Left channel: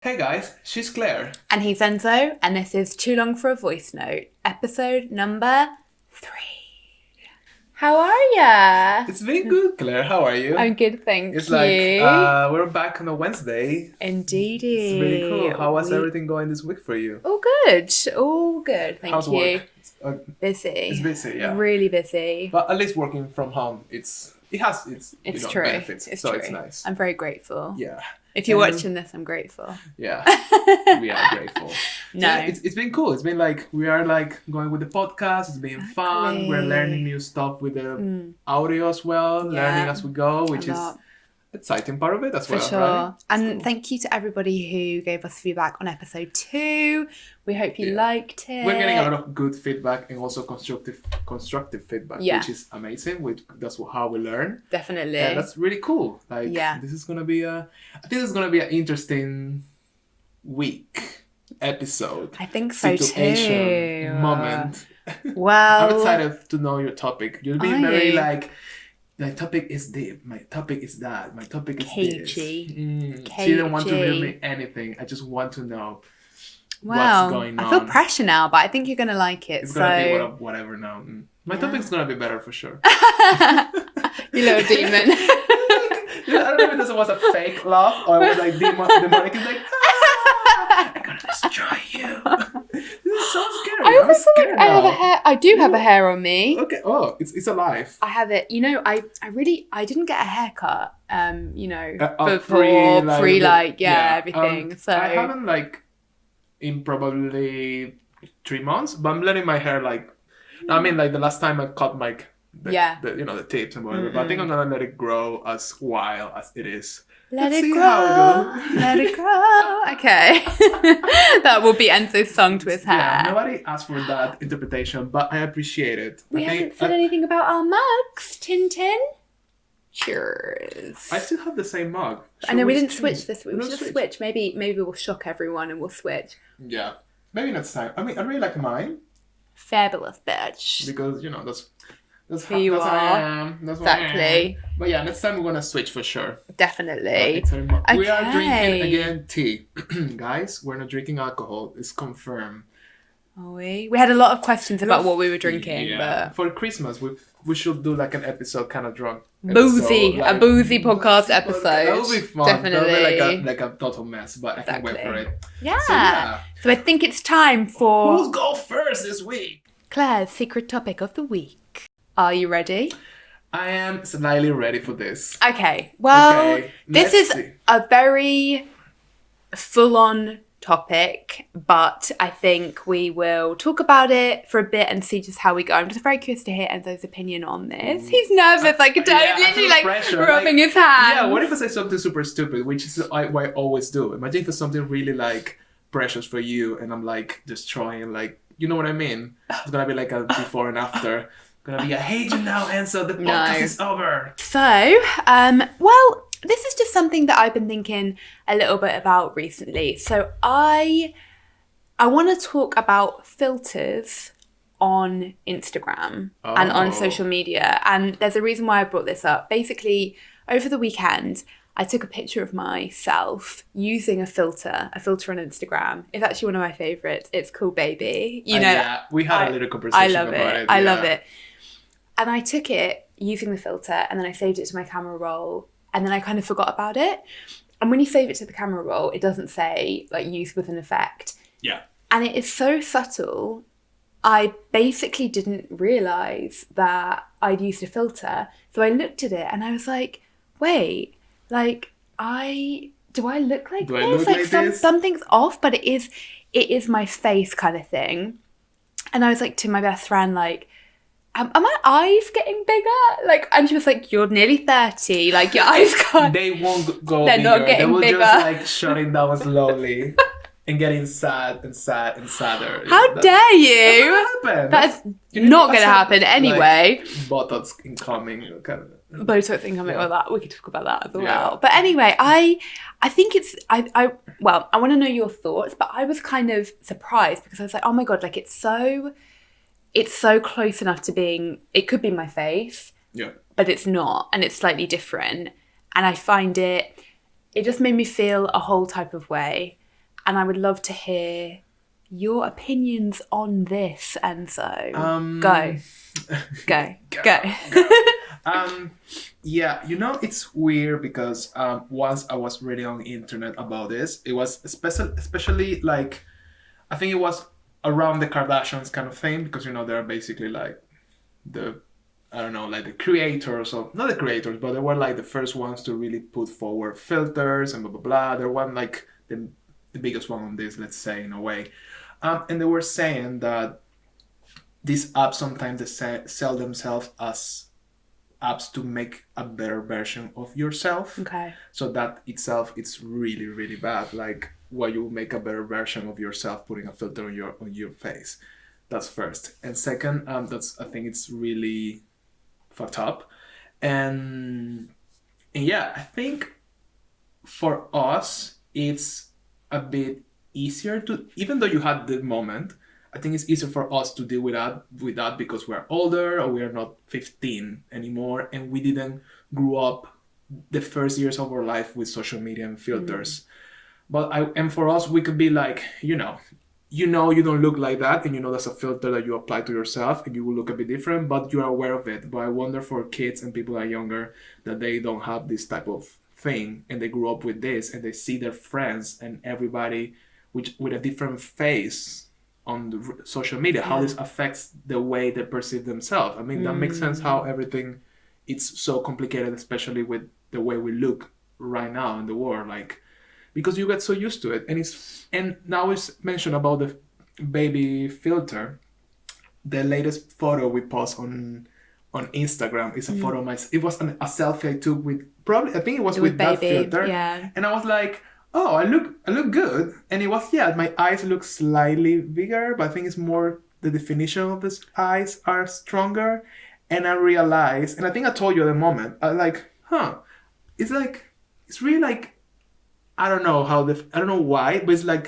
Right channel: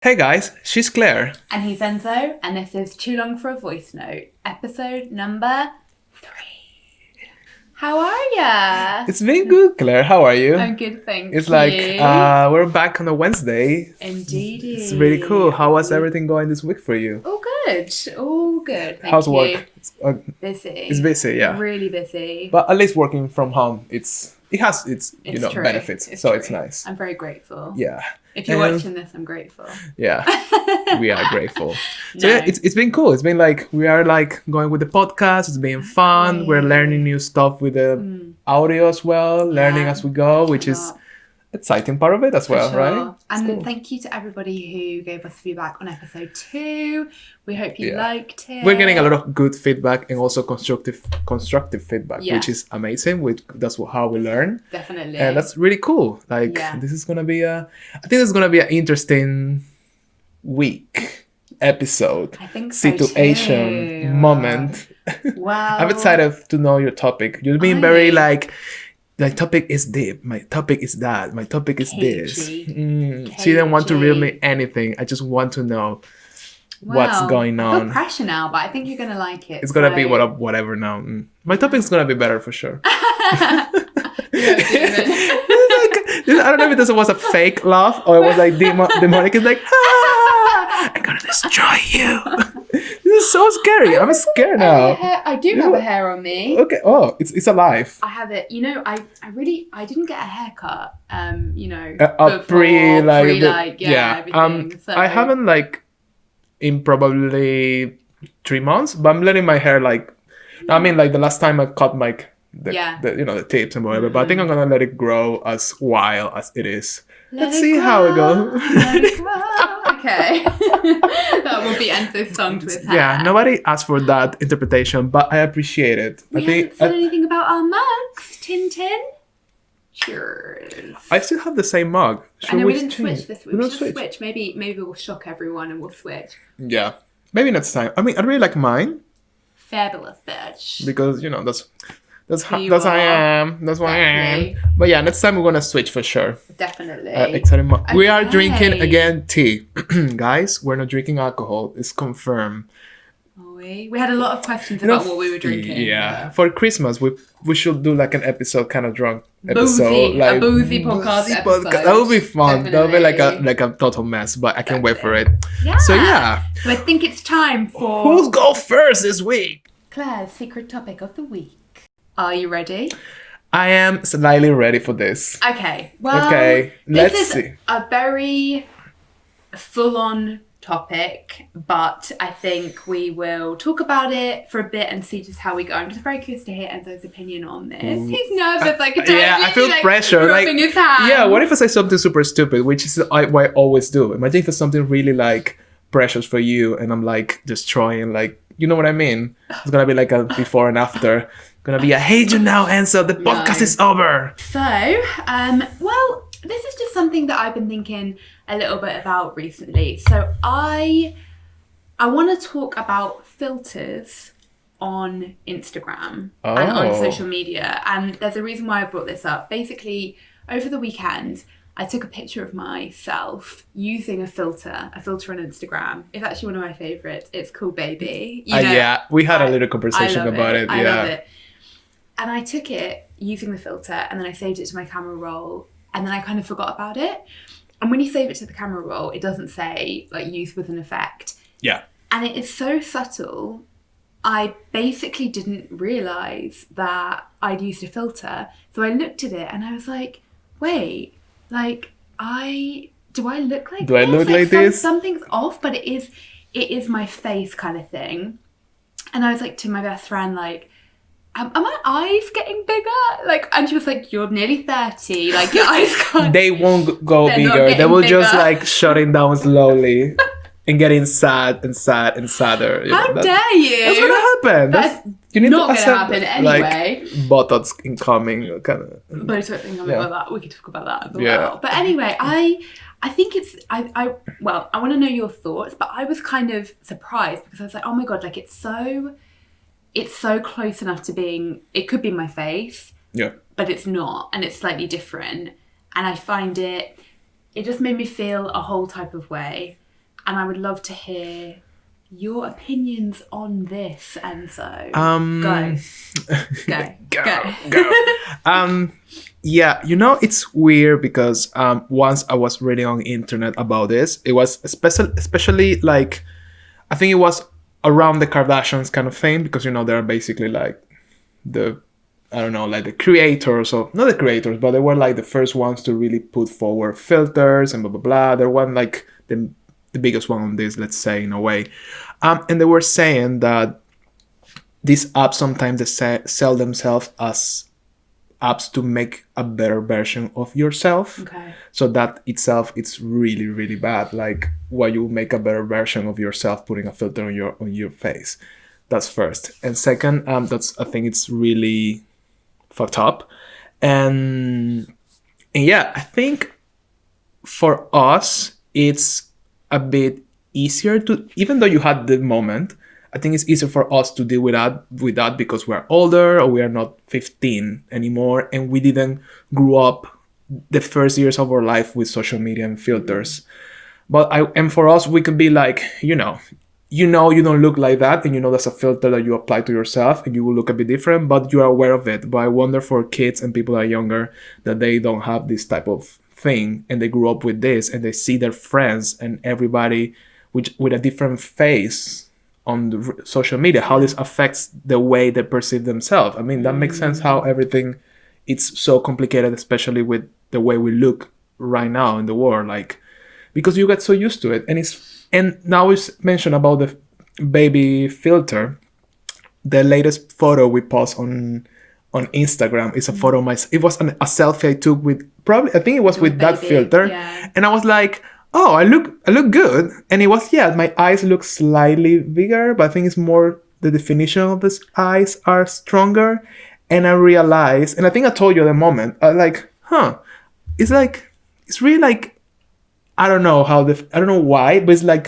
Hey guys, she's Claire. And he's Enzo, and this is Too Long for a Voice Note, episode number 3. How are ya? It's been good, Claire. How are you? I'm good, thank It's you. like we're back on a Wednesday. Indeed. It's really cool. How was everything going this week for you? All good. All good, thank How's you. work? Busy. It's busy, yeah. Really busy. But at least working from home, it has its True. benefits. It's so true. It's nice. I'm very grateful. Yeah. If you're And- watching this, I'm grateful. Yeah. We are grateful. No. So yeah, it's been cool. It's been like we are like going with the podcast. It's been fun. We're learning new stuff with the audio as well, learning Yeah. as we go, which A is lot. exciting part of it as For well, sure. right? It's And cool. thank you to everybody who gave us feedback on episode 2. We hope you Yeah. liked it. We're getting a lot of good feedback and also constructive feedback, Yeah. which is amazing. That's how we learn, Definitely. and that's really cool. Like Yeah. this is gonna be I think this is gonna be an interesting week episode I think so situation too. moment. Wow. I'm excited to know your topic. You're being Are very you? like. My topic is deep. My topic is that. My topic is this. Cagey. She didn't want to reveal Cagey. me anything. I just want to know Wow. what's going I on. feel pressure now, but I think you're going to like it. It's gonna be so- whatever now. My topic's gonna be better for sure. You know, demon. I don't know if this was a fake laugh or it was like demonic. It's like, "Ah, I'm gonna destroy you." This is so scary. I'm scared now. I do have a hair on me. Okay. Oh, it's alive. I have it. You know, I didn't get a haircut. Pre everything. So I haven't like in probably 3 months, but I'm letting my hair like. I mean, like the last time I cut my the tips and whatever. But I think I'm gonna let it grow as wild as it is. Let's see how it goes. Let it grow. Okay. That will be Enzo's song to his hair. Yeah, nobody asked for that interpretation, but I appreciate it. We I think haven't said anything about our mugs, Tintin. Cheers. I still have the same mug. I know we didn't switch this week. We don't should switch. Maybe we'll shock everyone and we'll switch. Yeah, maybe next time. I mean, I really like mine Fabulous bitch. because that's Who you how I are. am. That's why I Exactly. am. But yeah, next time we're gonna switch for sure. Definitely. Exciting. We are Okay. drinking again tea, guys. We're not drinking alcohol. It's confirmed. Are we? We had a lot of questions about what we were drinking. Yeah, for Christmas we should do like an episode kind of drunk but- episode, Boozy. like A boozy podcast episode. That would be fun. That would be Definitely. like a total mess, but I can't wait for it. Yeah. So yeah, So I think it's time for who'll go first this week? Claire's secret topic of the week. Are you ready? I am slightly ready for this. Okay. Well, Okay, this let's is see. a very full-on topic, but I think we will talk about it for a bit and see just how we go. I'm just very curious to hear Enzo's opinion on this. He's nervous, I can tell. Yeah, He's I feel literally, pressure. rubbing his hands. Yeah, what if I say something super stupid, which is what I always do? Imagine if it's something really like precious for you, and I'm like destroying, like, you know what I mean? It's gonna be like a before and after. Gonna be a hate you now, Ansel. The podcast is over. So, well, this is just something that I've been thinking a little bit about recently. So I want to talk about filters on Instagram and on Oh. social media. And there's a reason why I brought this up. Basically, over the weekend, I took a picture of myself using a filter on Instagram. It's actually one of my favorites. It's called Baby. Yeah, we had a little I conversation love about it. it. I Yeah. love it. And I took it using the filter and then I saved it to my camera roll and then I kind of forgot about it. And when you save it to the camera roll, it doesn't say like use with an effect. Yeah. And it is so subtle. I basically didn't realise that I'd used a filter. So I looked at it and I was like, wait, like do I look like Do I this? look like this? Something's off, but it is my face kind of thing. And I was like to my best friend, like, are my eyes getting bigger? Like, and she was like, you're nearly 30. Like, your eyes can't. They won't go They're not bigger. They getting will just bigger. like shutting down slowly and getting sad and sad and sadder. You How know, dare you? That's gonna happen. That's you need not to gonna accept happen that, anyway. Like, Botox incoming, kind of. Botox thing coming Yeah. about that. We could talk about that as Yeah. well. But anyway, I think it's I want to know your thoughts, but I was kind of surprised because I was like, oh my god, like it's so close enough to being, it could be my face, Yeah. but it's not, and it's slightly different. And I find it just made me feel a whole type of way. and I would love to hear your opinions on this, Enzo. Go. Yeah, it's weird because once I was reading on the internet about this, it was especially like, I think it was around the Kardashians kind of thing, because they're basically like the, I don't know, like the creators, or not the creators, but they were like the first ones to really put forward filters and blah blah blah. They were like the biggest one on this, let's say, in a way. And they were saying that these apps sometimes they sell themselves as apps to make a better version of yourself. Okay. So that itself, it's really, really bad. Like, why you make a better version of yourself putting a filter on your face? That's first. And second, I think it's really fucked up. And yeah, I think for us, it's a bit easier to, even though you had the moment, I think it's easier for us to deal with that because we're older, or we are not 15 anymore, and we didn't grow up the first years of our life with social media and filters. But for us, we could be like, you don't look like that, and that's a filter that you apply to yourself, and you will look a bit different, but you are aware of it. But I wonder for kids and people that are younger, that they don't have this type of thing, and they grew up with this, and they see their friends and everybody with a different face on the social media, how this affects the way they perceive themselves. I mean, that makes sense how everything, it's so complicated, especially with the way we look right now in the world, like, because you get so used to it. And now it's mentioned about the baby filter. The latest photo we post on Instagram is a photo of myself. It was a selfie I took with, probably, I think it was with that filter. Yeah. And I was like, oh, I look good. And it was, my eyes look slightly bigger, but I think it's more the definition of the eyes are stronger. And I realized, and I think I told you at the moment, it's really like, I don't know I don't know why, but it's like,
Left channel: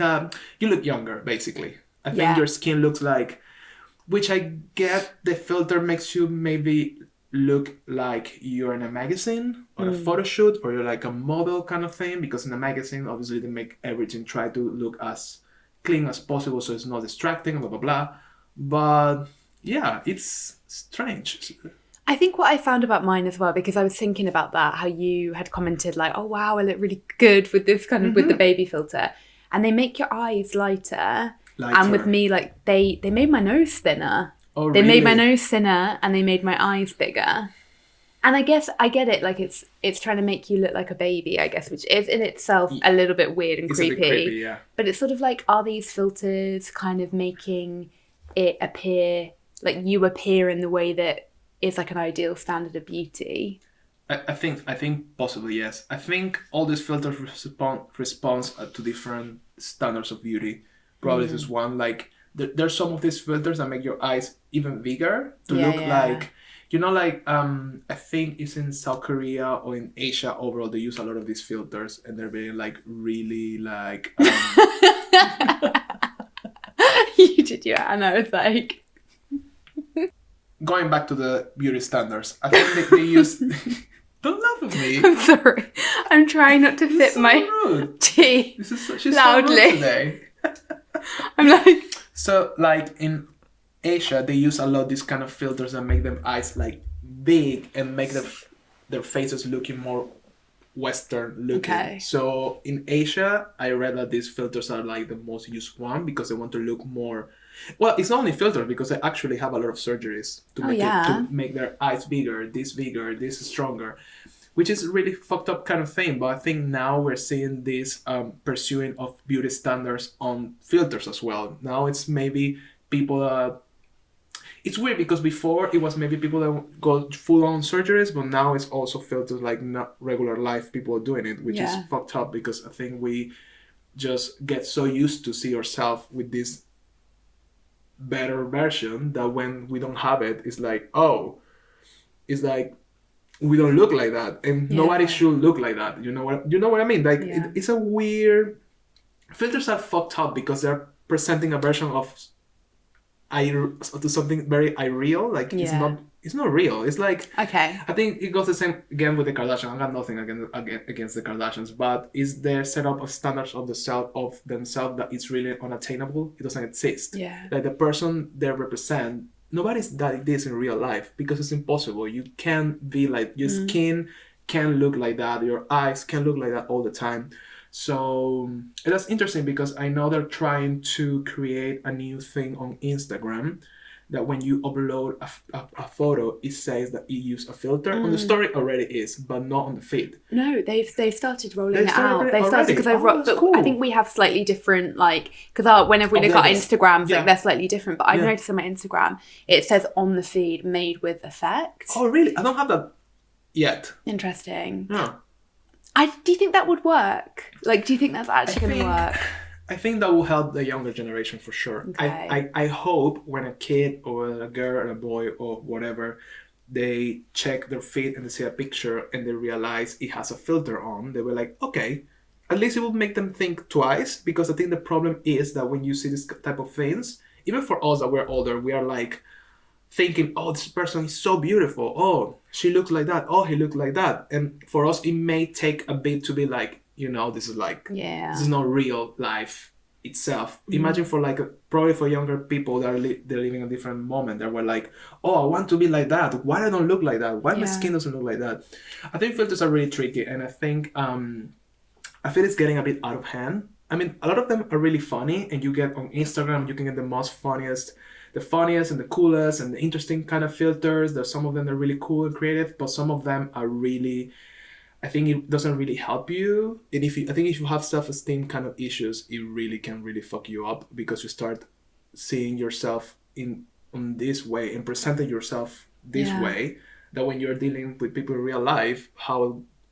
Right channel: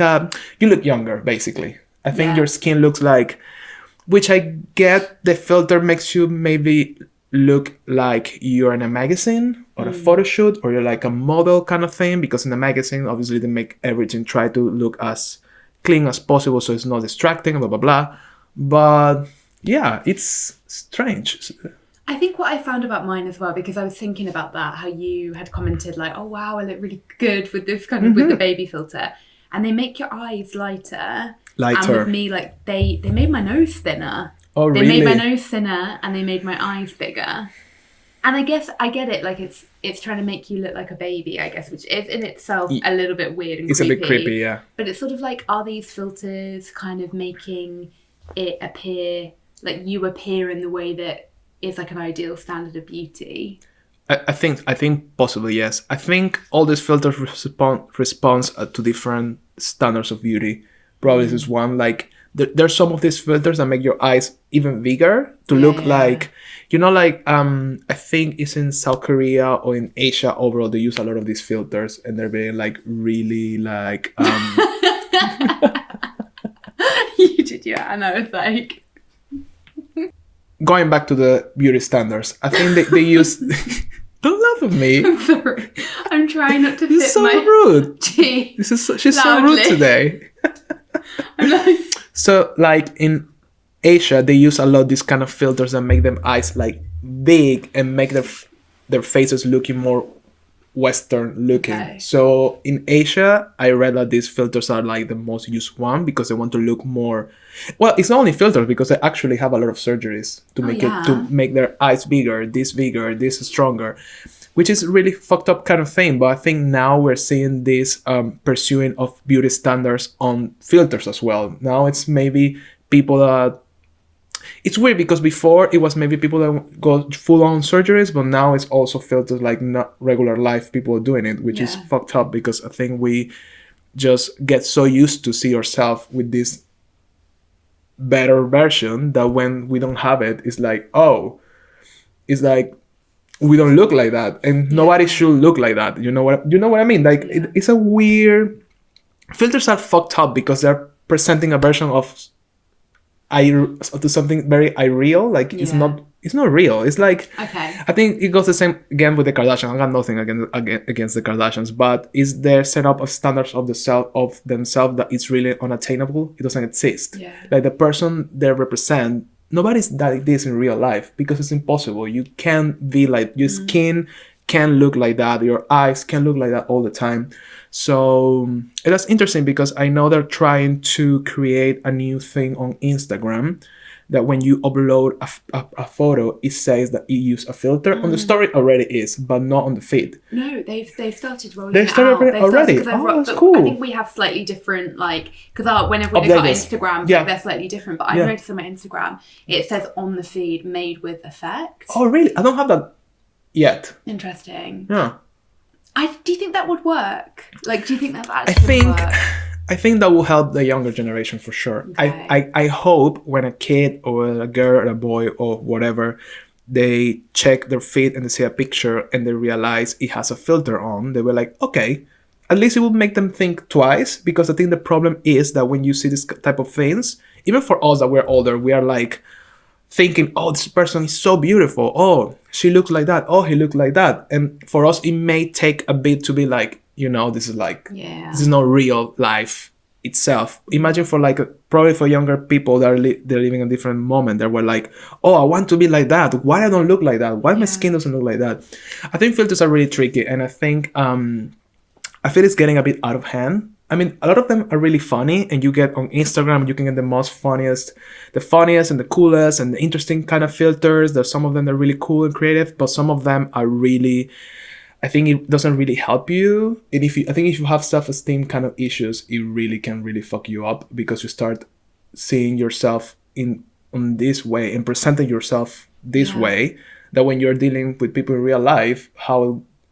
you look younger, basically. I think your skin looks like, which I get, the filter makes you maybe look like you're in a magazine or a photo shoot, or you're like a model kind of thing, because in a magazine, obviously they make everything try to look as clean as possible, so it's not distracting, blah, blah, blah. But yeah, it's strange. I think what I found about mine as well, because I was thinking about that, how you had commented like, oh wow, I look really good with this kind of, with the baby filter. And they make your eyes lighter. And with me, like, they made my nose thinner. Oh, really? They made my nose thinner, and they made my eyes bigger. And I guess I get it, like it's trying to make you look like a baby, I guess, which is in itself a little bit weird and creepy. It's a bit creepy, yeah. But it's sort of like, are these filters kind of making it appear, like you appear in the way that is like an ideal standard of beauty? I think possibly, yes. I think all these filters responds to different standards of beauty. Probably this is one, like, there's some of these filters that make your eyes even bigger to look like, like, I think it's in South Korea or in Asia overall, they use a lot of these filters, and they're being like really like, You did, and I was like, going back to the beauty standards, I think they use, don't laugh at me. I'm sorry, I'm trying not to fit so my rude. tea. She's loudly. So rude today. I'm like, so like in Asia, they use a lot of these kind of filters that make them eyes like big and make their faces looking more Western looking. Okay. So in Asia, I read that these filters are like the most used one, because they want to look more. Well, it's not only filters, because they actually have a lot of surgeries to make it, to make their eyes bigger, this stronger, which is really fucked up kind of thing. But I think now we're seeing this pursuing of beauty standards on filters as well. Now it's maybe people that, it's weird, because before it was maybe people that go full on surgeries, but now it's also filters like not regular life people are doing it, which is fucked up, because I think we just get so used to see ourselves with this better version that when we don't have it, it's like, oh, it's like we don't look like that, and nobody should look like that. You know what I mean? Like it's a weird, filters are fucked up because they're presenting a version of to something very irreal. Like it's not real. It's like, okay. I think it goes the same again with the Kardashians. I got nothing against the Kardashians, but is their setup of standards of themselves that it's really unattainable. It doesn't exist. Yeah. Like the person they represent, nobody's like this in real life because it's impossible. You can't be like, your skin can't look like that, your eyes can't look like that all the time. So that's interesting because I know they're trying to create a new thing on Instagram that when you upload a photo, it says that you use a filter. On the story already is, but not on the feed. No, they've started rolling They it started out. already? That's cool. I think we have slightly different, like, because whenever we look at Instagram, like, they're slightly different. But I noticed on my Instagram, it says on the feed, made with effect. Oh, really? I don't have that yet. Interesting. Yeah. Do you think that would work? Like, do you think that's actually going to work? I think that will help the younger generation for sure. Okay. I hope when a kid or a girl or a boy or whatever, they check their feed and they see a picture and they realize it has a filter on, they were like, okay, at least it will make them think twice, because I think the problem is that when you see this type of things, even for us that we're older, we are like thinking, oh, this person is so beautiful. Oh, she looks like that. Oh, he looks like that. And for us, it may take a bit to be like, this is like, this is not real life itself. Imagine for like, probably for younger people that they're living a different moment. They were like, oh, I want to be like that. Why I don't look like that? Why my skin doesn't look like that? I think filters are really tricky. And I think, I feel it's getting a bit out of hand. I mean, a lot of them are really funny, and you get on Instagram, you can get the funniest and the coolest and the interesting kind of filters. There's some of them that are really cool and creative, but some of them are really, I think it doesn't really help you. And if you have self-esteem kind of issues, it really can really fuck you up, because you start seeing yourself on this way and presenting yourself this way, that when you're dealing with people in real life,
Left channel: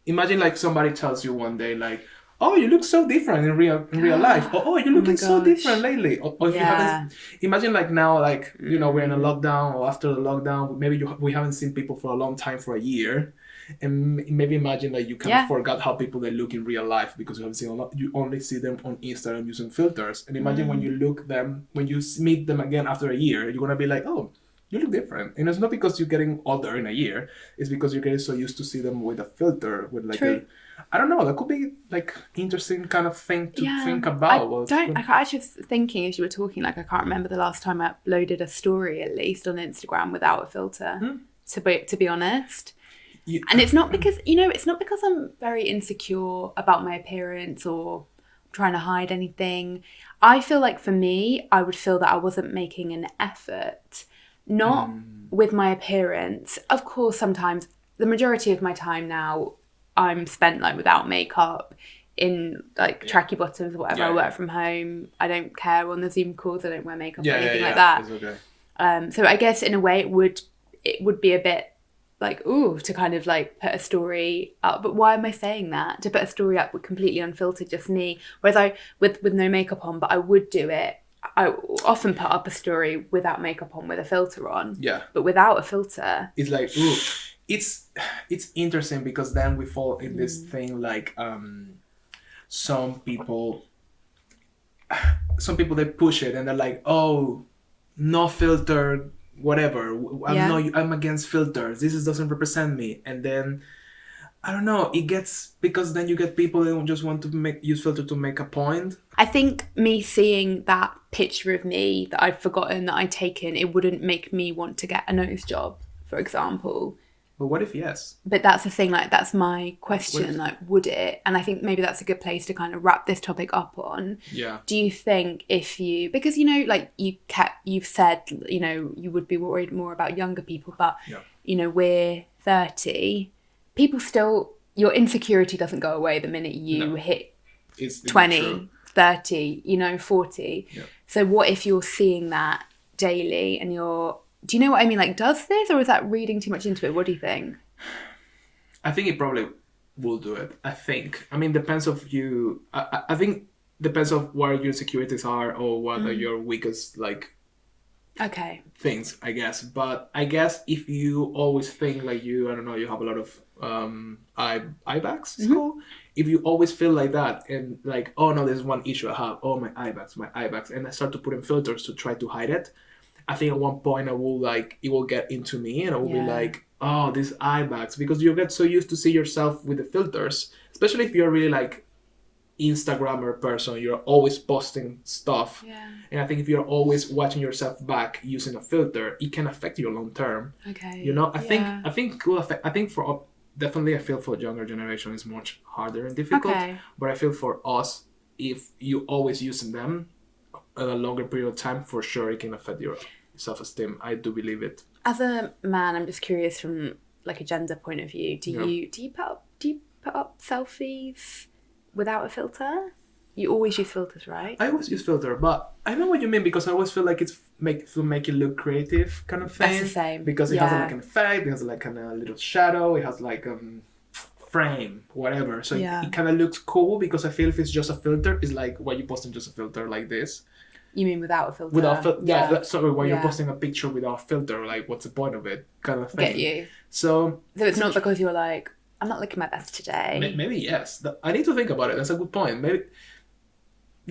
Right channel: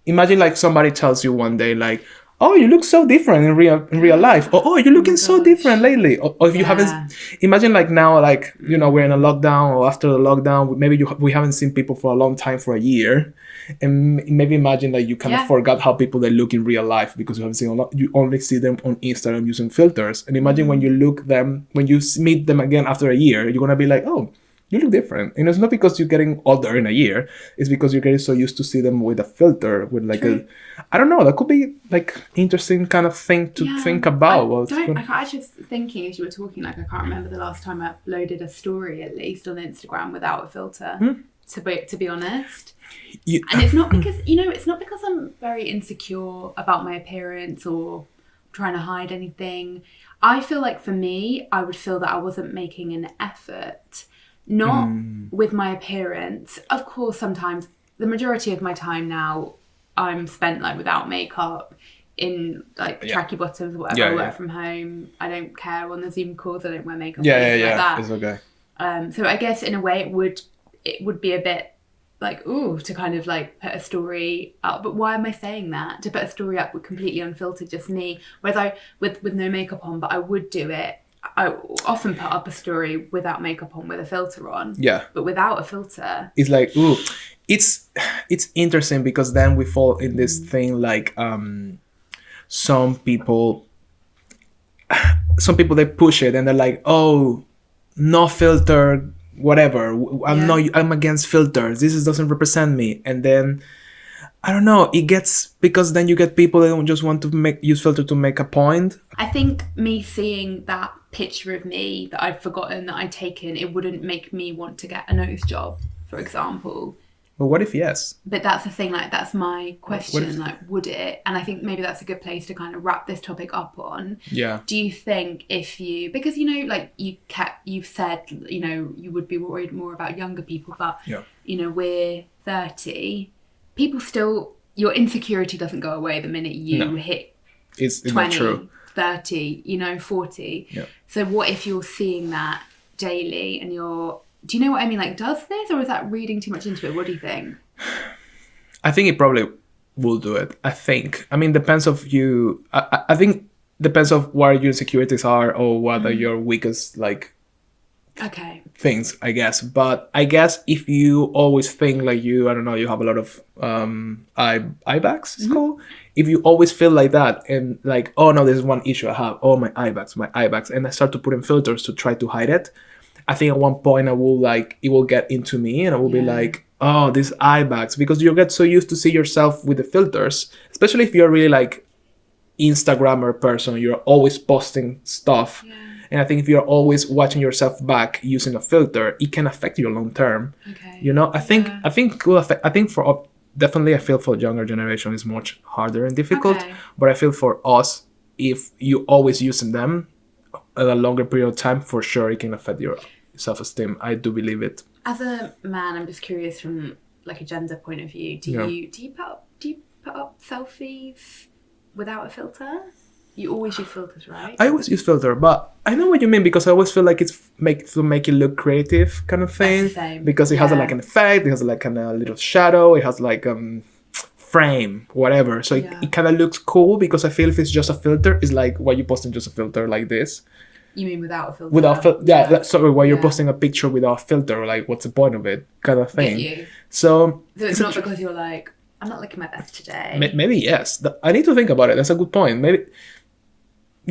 imagine like somebody tells you one day like, oh, you look so different in real life. Or, oh, you're looking so different lately. Or if you haven't, imagine like now, like, we're in a lockdown, or after the lockdown, maybe we haven't seen people for a long time, for a year. And maybe imagine that you kind of forgot how people they look in real life, because you haven't seen a lot. You only see them on Instagram using filters. And imagine when you meet them again after a year, you're going to be like, oh, you look different. And it's not because you're getting older in a year. It's because you're getting so used to see them with a filter, with like I don't know, that could be like interesting kind of thing to think about. I was just thinking as you were talking, like I can't remember the last time I uploaded a story, at least on Instagram, without a filter, to be honest. And it's not because, it's not because I'm very insecure about my appearance or trying to hide anything. I feel like for me, I would feel that I wasn't making an effort, not with my appearance. Of course, sometimes, the majority of my time now, I'm spent like without makeup, in like tracky bottoms or whatever. I work from home. I don't care on the Zoom calls. I don't wear makeup or anything like that. It's okay. So I guess in a way it would be a bit like, ooh, to kind of like put a story up. But why am I saying that? To put a story up with completely unfiltered, just me. Whereas with no makeup on, but I would do it. I often put up a story without makeup on, with a filter on. Yeah. But without a filter, it's like, ooh, it's interesting, because then we fall in this thing like some people they push it and they're like, oh, no filter, whatever. I'm against filters. This doesn't represent me. And then I don't know, it gets, because then you get people that don't just want to use filter to make a point. I think me seeing that picture of me that I'd forgotten that I'd taken, it wouldn't make me want to get a nose job, for example. But what if yes? But that's the thing, like, that's my question, like, would it? And I think maybe that's a good place to kind of wrap this topic up on. Yeah. Do you think because, like you've said, you would be worried more about younger people, but, we're 30, people still, your insecurity doesn't go away the minute you hit 20, 30, 40. Yeah. So what if you're seeing that daily and do you know what I mean? Like, does this, or is that reading too much into it? What do you think? I think it probably will do it. I mean, depends of you. I think depends of where your insecurities are, or what are your weakest, like, things, I guess. But I guess if you always think like you have a lot of eye bags, it's called. If you always feel like that, and like, oh no, there's one issue I have. Oh, my eye bags. And I start to put in filters to try to hide it. I think at one point it will get into me and I will be like, oh, these eye bags, because you get so used to see yourself with the filters, especially if you're really like Instagrammer person, you're always posting stuff. Yeah. And I think if you're always watching yourself back using a filter, it can affect you long term. Okay. You know, I think it will affect, I think for definitely I feel for younger generation is much harder and difficult. Okay. But I feel for us, if you always using them a longer period of time, for sure it can affect your self-esteem. I do believe it. As a man, I'm just curious from like a gender point of view. Do you put up selfies without a filter? You always use filters, right? I always use filter, but I know what you mean, because I always feel like it's to make it look creative kind of thing. That's the same. Because it has like an effect, it has like a little shadow, it has like frame, whatever. So it kind of looks cool, because I feel if it's just a filter, it's like why you posting just a filter like this. You mean without a filter? Sorry, why you're posting a picture without a filter, like what's the point of it, kind of thing. Get you. So it's not because you're like, I'm not looking my best today. Maybe yes. I need to think about it. That's a good point. Maybe.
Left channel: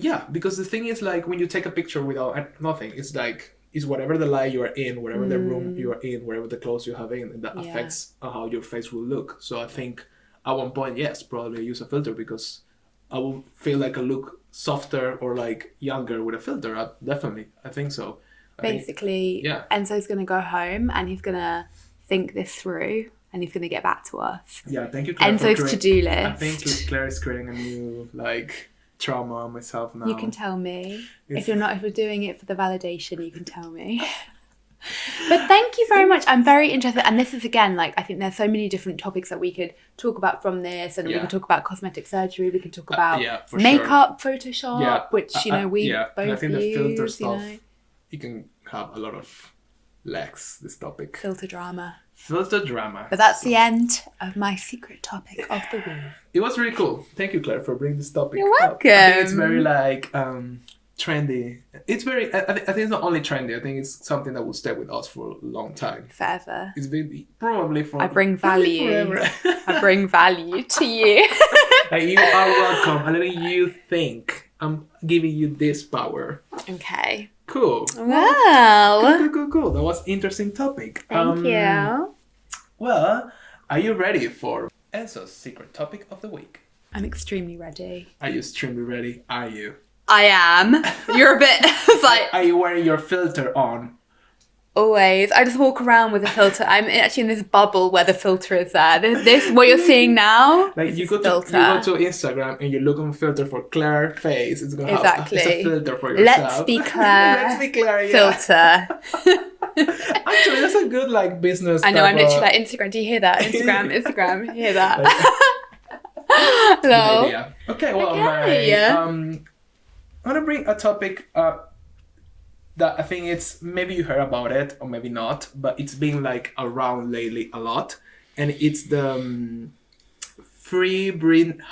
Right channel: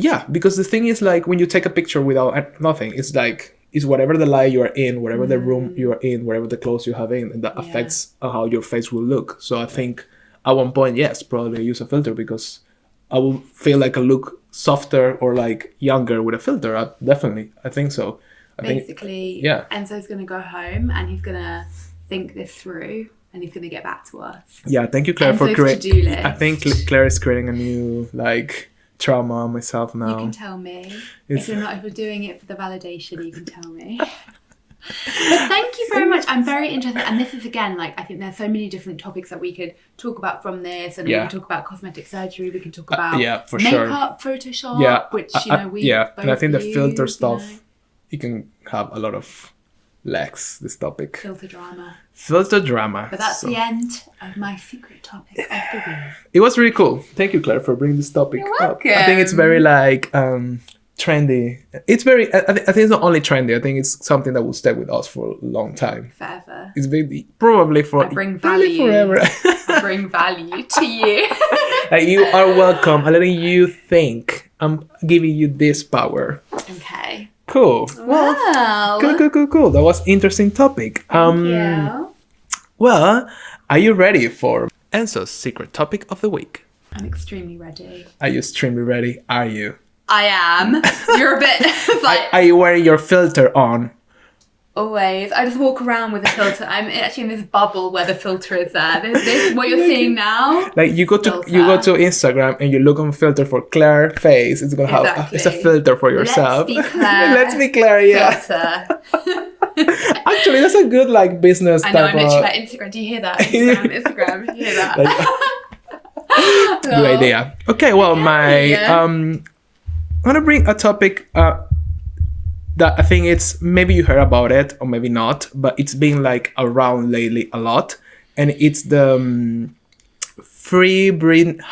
Yeah, because the thing is, like, when you take a picture without nothing, it's like, it's whatever the light you are in, whatever the room you are in, whatever the clothes you have in, and that affects how your face will look. So I think at one point, yes, probably use a filter, because I will feel like I look softer or like younger with a filter. I think so. Basically, Enzo's going to go home and he's going to think this through and he's going to get back to us. Yeah, thank you, Claire, for creating. I think Claire is creating a new, like, trauma on myself now. You can tell me. If you're doing it for the validation, you can tell me. But thank you very much. I'm very interested, and this is again, like, I think there's so many different topics that we could talk about from this, and we can talk about cosmetic surgery, we can talk about makeup, Photoshop, which we both and I think the use, filter stuff, you can have a lot of legs, this topic. Filter drama. But that's the end of my secret topic of the week. It was really cool. Thank you, Claire, for bringing this topic up. I think it's very like trendy. It's very. I think it's not only trendy. I think it's something that will stay with us for a long time. Forever. It's been probably for. I bring value. Forever. I bring value to you. You are welcome. I'm letting you think. I'm giving you this power. Okay. Cool. Well. Cool. That was interesting topic. Thank you. Well, are you ready for Enzo's secret topic of the week? I'm extremely ready. Are you extremely ready? Are you? I am. You're a bit like... Are you wearing your filter on? Always. I just walk around with a filter. I'm actually in this bubble where the filter is there. This what you're seeing now. Like you go to Instagram and you look on filter for Claire face. It's gonna have it's a filter for yourself. Let's be Claire. Let's be Claire. Yeah. Filter. Actually, that's a good like business. I know. I'm literally like Instagram. Do you hear that? Instagram. Do you hear that? Good idea. Okay. Well, I'm gonna bring a topic. That I think it's, maybe you heard about it or maybe not, but it's been like around lately a lot. And it's the free Britney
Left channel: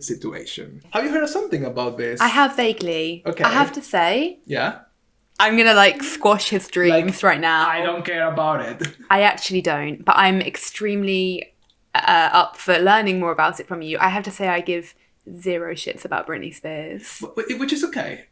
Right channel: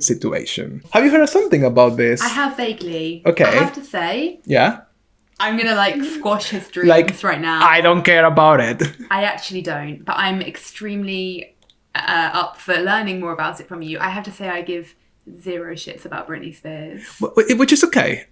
situation. Have you heard of something about this? I have vaguely. Okay. I have to say. Yeah? I'm going to like squash his dreams right now. I don't care about it. I actually don't, but I'm extremely up for learning more about it from you. I have to say I give zero shits about Britney Spears, which is okay.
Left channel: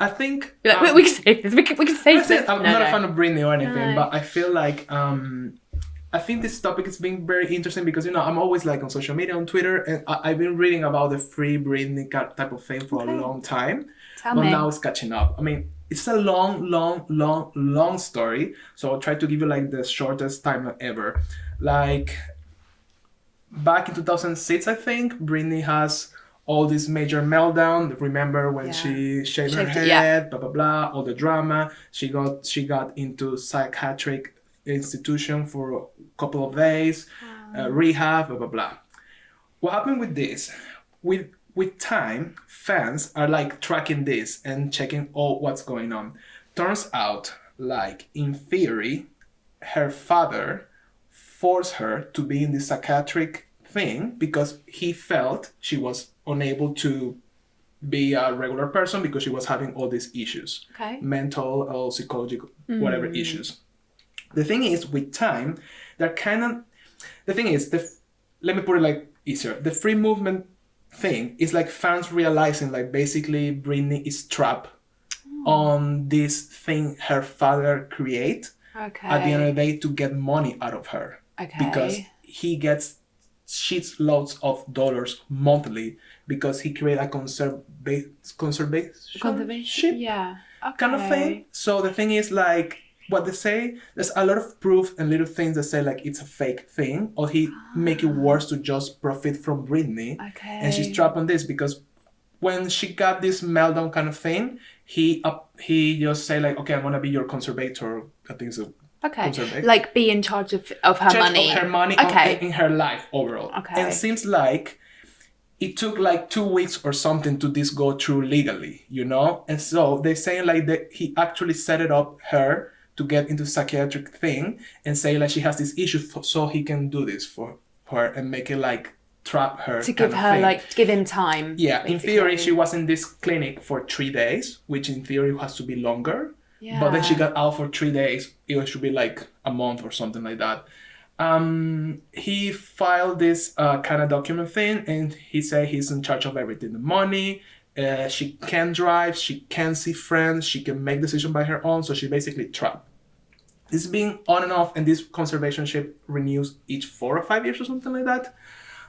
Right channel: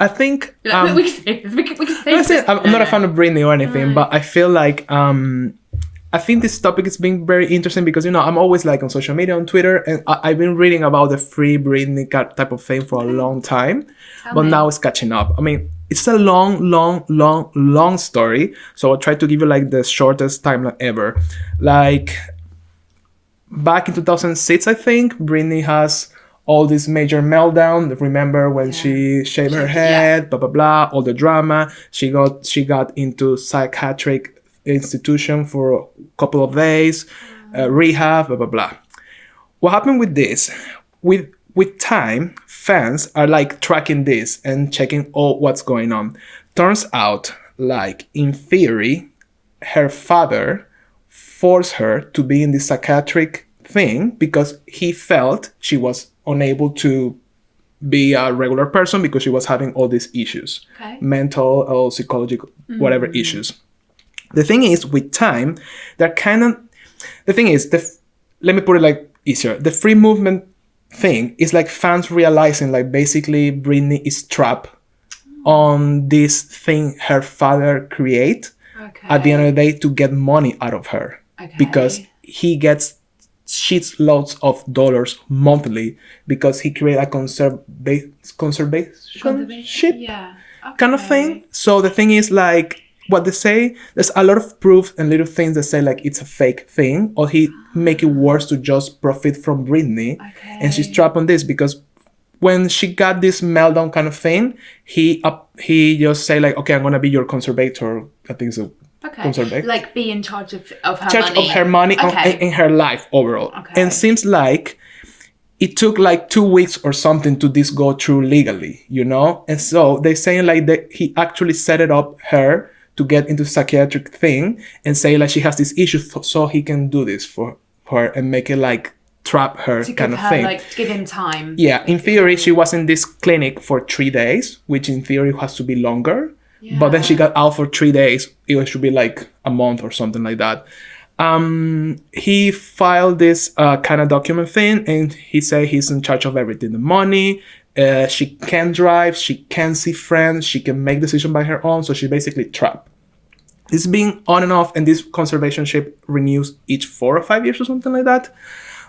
I think we can say this. We can say this. I'm not a fan of Britney or anything, but I feel like I think this topic is being very interesting because I'm always like on social media, on Twitter, and I've been reading about the free Britney type of thing for a long time, but now it's catching up. I mean, it's a long story, so I'll try to give you like the shortest timeline ever. Like back in 2006, I think Britney has all this major meltdown. Remember when she shaved her head, blah blah blah, all the drama. She got into psychiatric institution for a couple of days, rehab, blah blah blah. What happened with this? With time, fans are like tracking this and checking all what's going on. Turns out, like in theory, her father forced her to be in this psychiatric thing because he felt she was unable to be a regular person because she was having all these issues, mental or psychological, whatever issues. The thing is, with time, let me put it like easier. The free movement thing is like fans realizing like basically Britney is trapped on this thing her father create at the end of the day to get money out of her. Because he gets shit loads of dollars monthly because he created a conservation ship kind of thing. So the thing is like what they say, there's a lot of proof and little things that say like it's a fake thing, or he make it worse to just profit from Britney. And she's trapped on this because when she got this meltdown kind of thing, he just say like, okay, I'm gonna be your conservator. I think so. Like be in charge of her money. Of her money in her life overall. And seems like it took like 2 weeks or something to this go through legally, you know? And so they're saying like that he actually set it up her to get into psychiatric thing and say like she has this issue so he can do this for her and make it like trap her to kind give of her, thing. Like give him time. Yeah, in theory she was in this clinic for 3 days, which in theory has to be longer. Yeah. But then she got out for 3 days. It should be like a month or something like that. He filed this kind of document thing, and he said he's in charge of everything. The money, she can drive, she can see friends, she can make decisions by her own. So she basically trapped. It's been on and off, and this conservationship renews each 4 or 5 years or something like that.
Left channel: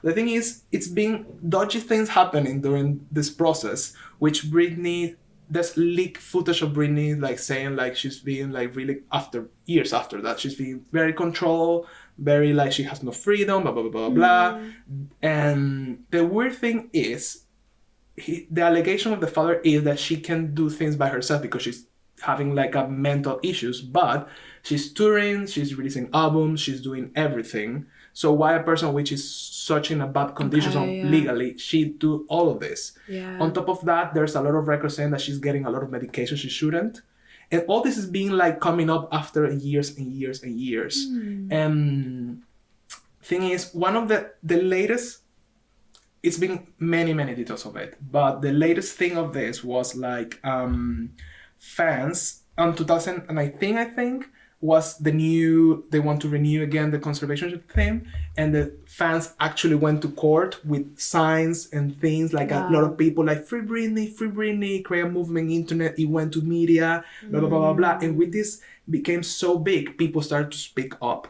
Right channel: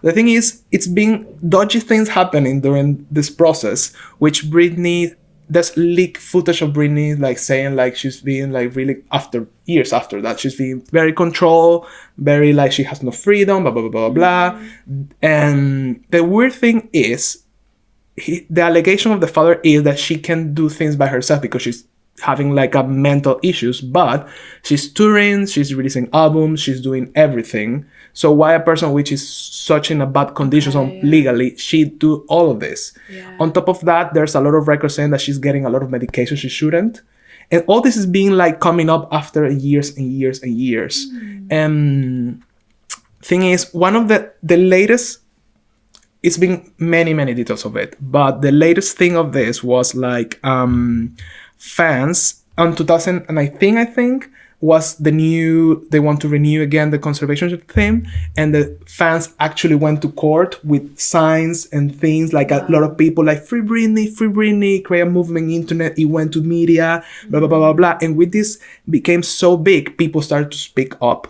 The thing is, it's been dodgy things happening during this process, which Britney... There's leaked footage of Britney like saying like she's being like really years after that she's being very controlled, very like she has no freedom, blah blah blah blah blah. And the weird thing is, the allegation of the father is that she can do things by herself because she's having like a mental issues, but she's touring, she's releasing albums, she's doing everything. So why a person which is such in a bad condition legally, she do all of this? Yeah. On top of that, there's a lot of records saying that she's getting a lot of medication she shouldn't. And all this is being like coming up after years and years and years. Thing is, one of the latest, it's been many details of it, but the latest thing of this was like fans on 2000, and I think was they want to renew again the conservationship theme, and the fans actually went to court with signs and things like a lot of people like free Britney, create a movement internet, it went to media, blah blah blah blah blah. And with this became so big, people started to speak up.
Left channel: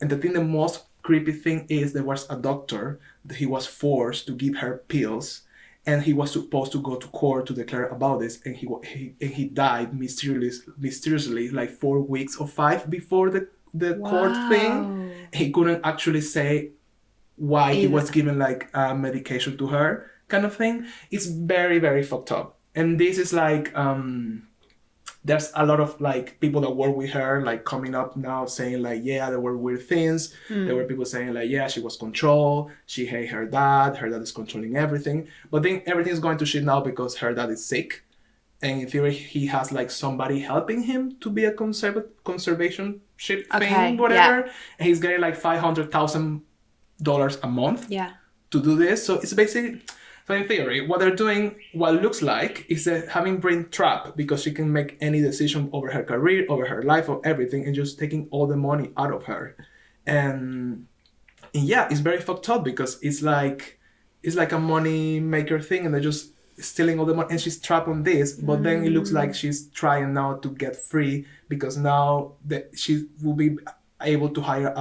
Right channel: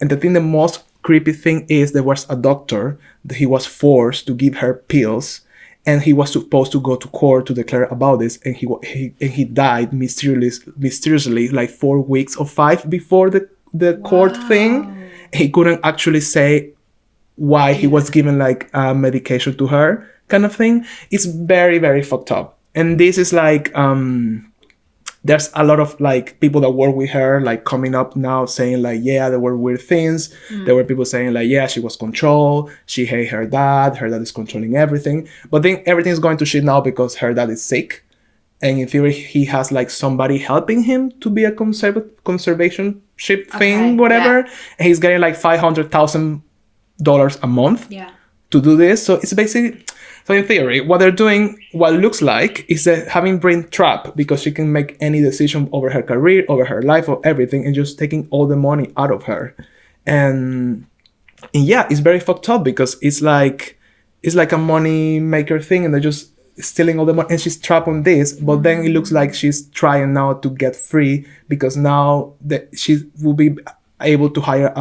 And the thing, the most creepy thing is there was a doctor that he was forced to give her pills, and he was supposed to go to court to declare about this, and he died mysteriously like 4 weeks or 5 before the court thing. He couldn't actually say why he was given like medication to her kind of thing. It's very fucked up. And this is like there's a lot of like people that work with her like coming up now saying like, yeah, there were weird things. There were people saying like, yeah, she was controlled, she hated her dad is controlling everything. But then everything is going to shit now because her dad is sick, and in theory he has like somebody helping him to be a conservationship thing, whatever. And he's getting like $500,000 a month to do this. So it's basically... So in theory, what they're doing, what it looks like, is that having Britney trapped because she can make any decision over her career, over her life, or everything, and just taking all the money out of her. And yeah, it's very fucked up because it's like a money maker thing, and they're just stealing all the money, and she's trapped on this. But then it looks like she's trying now to get free because now that she will be able to hire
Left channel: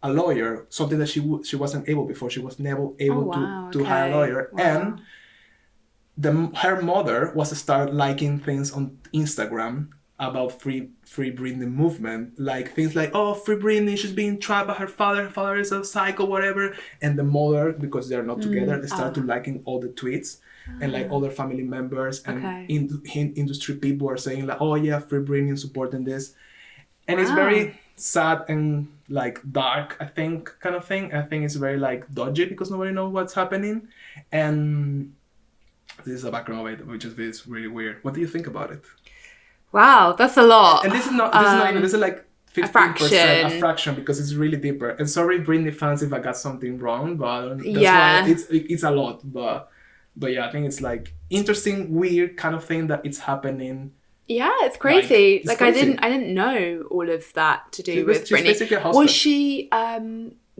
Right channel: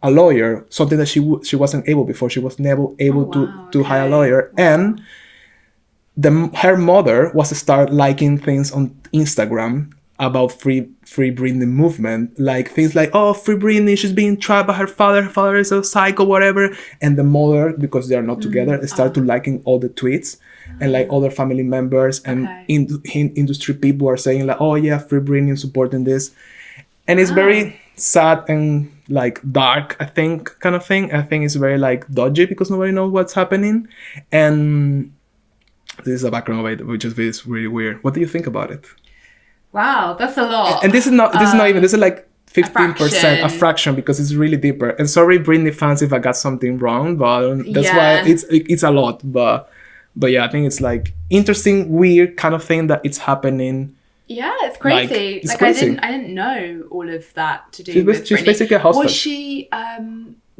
a lawyer, something that she wasn't able before. She was never able to hire a lawyer. And her mother was to start liking things on Instagram about free Britney movement, like things like, oh, free Britney, she's being trapped by her father is a psycho, whatever. And the mother, because they are not together, start to liking all the tweets, and like other family members and industry people are saying like, oh yeah, free Britney and supporting this. And it's very sad and like dark, I think, kind of thing. I think it's very like dodgy because nobody knows what's happening. And this is the background of it, which is really weird. What do you think about it? Wow, that's a lot. And this is not even, this is like 15%, a fraction, because it's really deeper. And sorry, Britney fans, if I got something wrong, but that's why it's a lot. But yeah, I think it's like interesting, weird kind of thing that it's happening. Yeah, it's crazy. Like crazy. I didn't know all of that to do with Britney. She's basically a hostage. Was she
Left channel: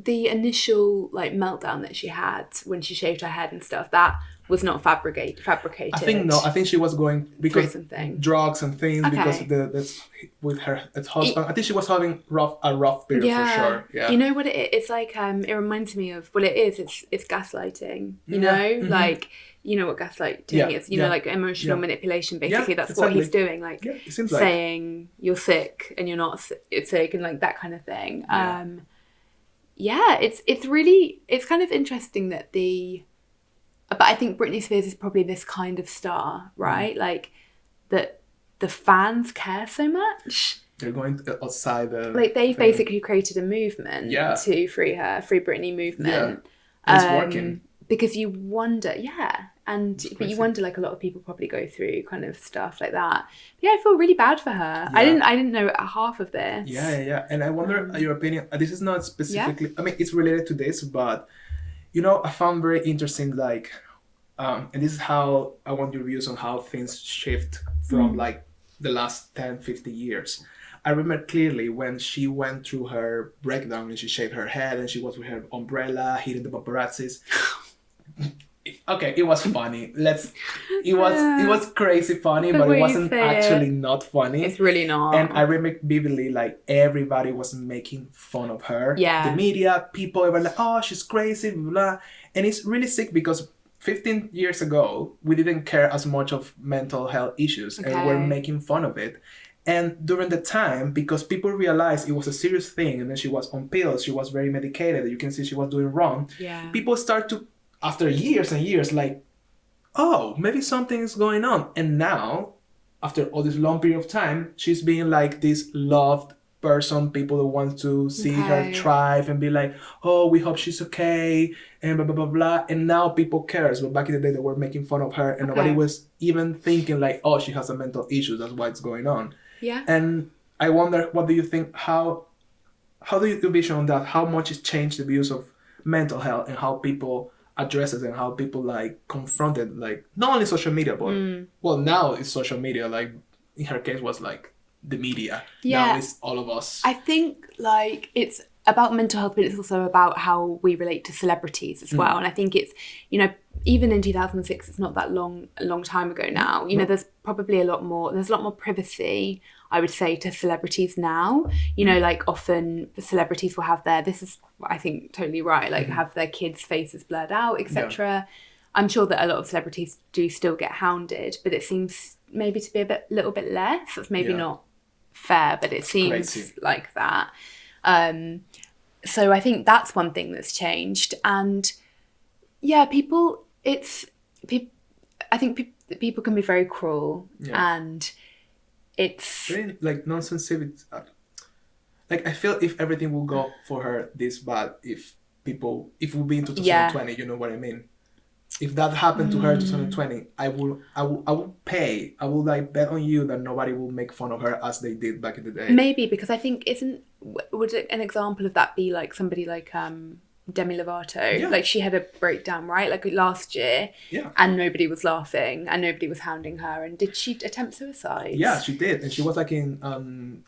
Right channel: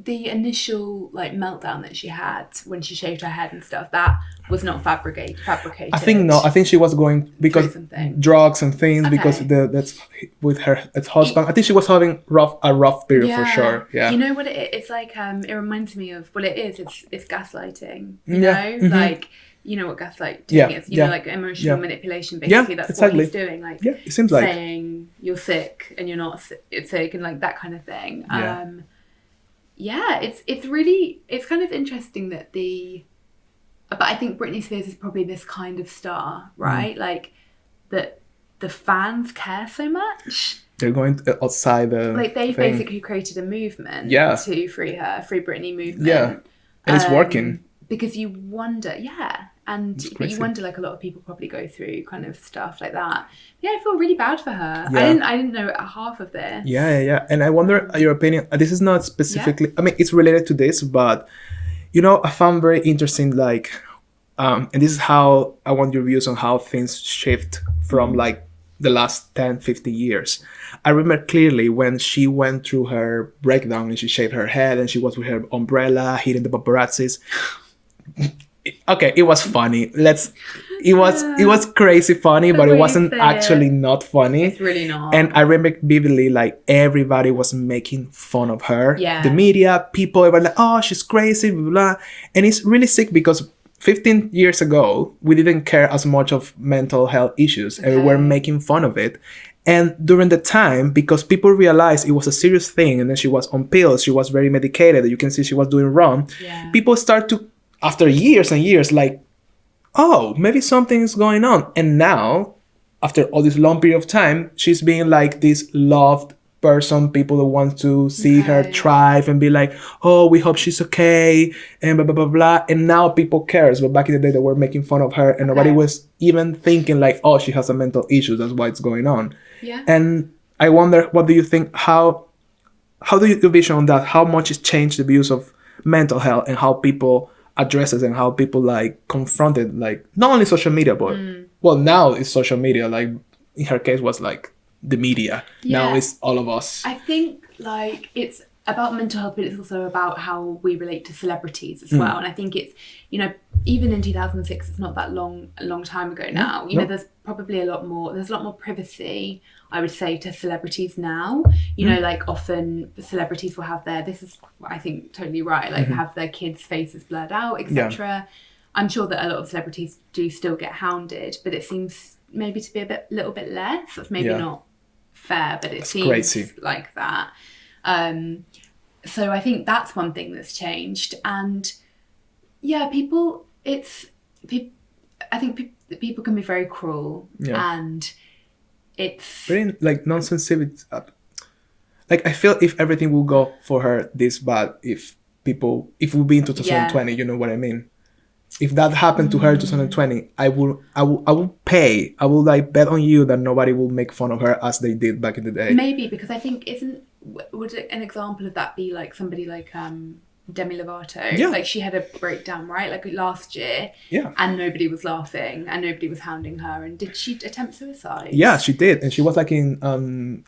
the initial like meltdown that she had when she shaved her head and stuff, that was not fabricated. I think no. I think she was going because drugs and things, because that's with her husband. I think she was having a rough period for sure. Yeah. You know what it's like? It reminds me of, well, it's gaslighting. You know, like, you know what gaslighting is. You know, like emotional manipulation. Basically, that's what he's doing. Like, it seems saying you're sick and you're not sick, and like that kind of thing. It's kind of interesting that but I think Britney Spears is probably this kind of star, right? Like, that the fans care so much. They're going outside the like they've basically created a movement to free Britney movement. Yeah, and it's working. Because you wonder, but you wonder, like, a lot of people probably go through kind of stuff like that. Yeah, I feel really bad for her. Yeah. I didn't know half of this. Yeah. And I wonder your opinion. This is not specifically. I mean, it's related to this, but you know, I found very interesting, like, and this is how I want your views on how things shift from like the last 10, 50 years. I remember clearly when she went through her breakdown and she shaved her head and she was with her umbrella hitting the paparazzis. Okay, it was funny. It was crazy funny, but it wasn't actually not funny. It's really not. And I remember vividly, like, everybody was making fun of her. Yeah. The media, people, everybody like, oh, she's crazy, blah, blah. And it's really sick because 15 years ago, we didn't care as much of mental health issues and we were making fun of it. And during the time, because people realized it was a serious thing and then she was on pills, she was very medicated, you can see she was doing wrong. Yeah. People start to, after years and years, like, oh, maybe something's going on. And now, after all this long period of time, she's being like this loved person. People want to see her thrive and be like, oh, we hope she's okay, and blah, blah, blah, blah. And now people cares. But back in the day, they were making fun of her and nobody was even thinking like, oh, she has a mental issue. That's why it's going on. Yeah. And I wonder, what do you think? How do you vision on that? How much it's changed the views of mental health and how people addresses and how people like confronted, like, not only social media, but well, now it's social media, like in her case was like the media. Now it's all of us. I think like it's about mental health, but it's also about how we relate to celebrities as well. And I think it's, you know, even in 2006, it's not that a long time ago now. You know, there's probably a lot more privacy, I would say, to celebrities now. You know, like often celebrities will have this is, I think, totally right, like have their kids' faces blurred out, etc. I'm sure that a lot of celebrities do still get hounded, but it seems maybe to be a little bit less. That's maybe not fair, but it seems crazy like that. So I think that's one thing that's changed. And I think people can be very cruel, and it's very like non-sensitive. Like, I feel if everything will go for her this bad, if we'll be in 2020, you know what I mean? If that happened to her in 2020, I will like bet on you that nobody will make fun of her as they did back in the day. Maybe, because I think would an example of that be like somebody like Demi Lovato? Yeah. Like, she had a breakdown, right? Like last year. Yeah. And nobody was laughing and nobody was hounding her. And did she attempt suicide? Yeah, she did. And she was like in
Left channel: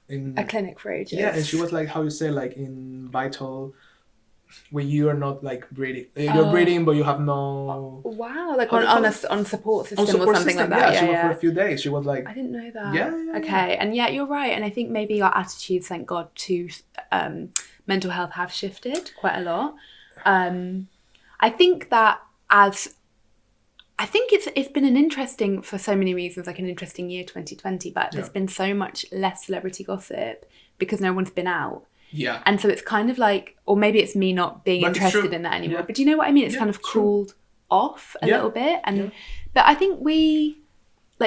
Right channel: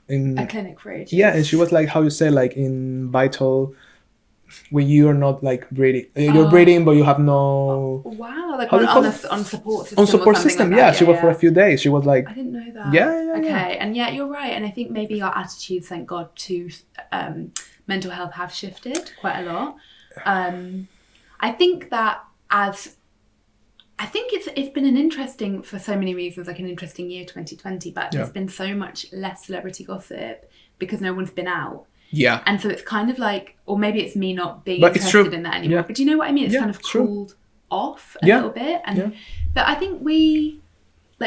a clinic for ages. Yeah, and she was like, how you say, like in vital, when you're not like breathing, you're breathing but you have no. Wow, like on support system. On support system, like that. She was for a few days. She was like. I didn't know that. Yeah. Okay, and you're right, and I think maybe our attitudes, thank God, to mental health have shifted quite a lot. I think it's been an interesting, for so many reasons, like an interesting year 2020, but there's been so much less celebrity gossip because no one's been out. Yeah. And so it's kind of like, or maybe it's me not being interested in that anymore. Yeah. But do you know what I mean? It's kind of cooled off a little bit. And but I think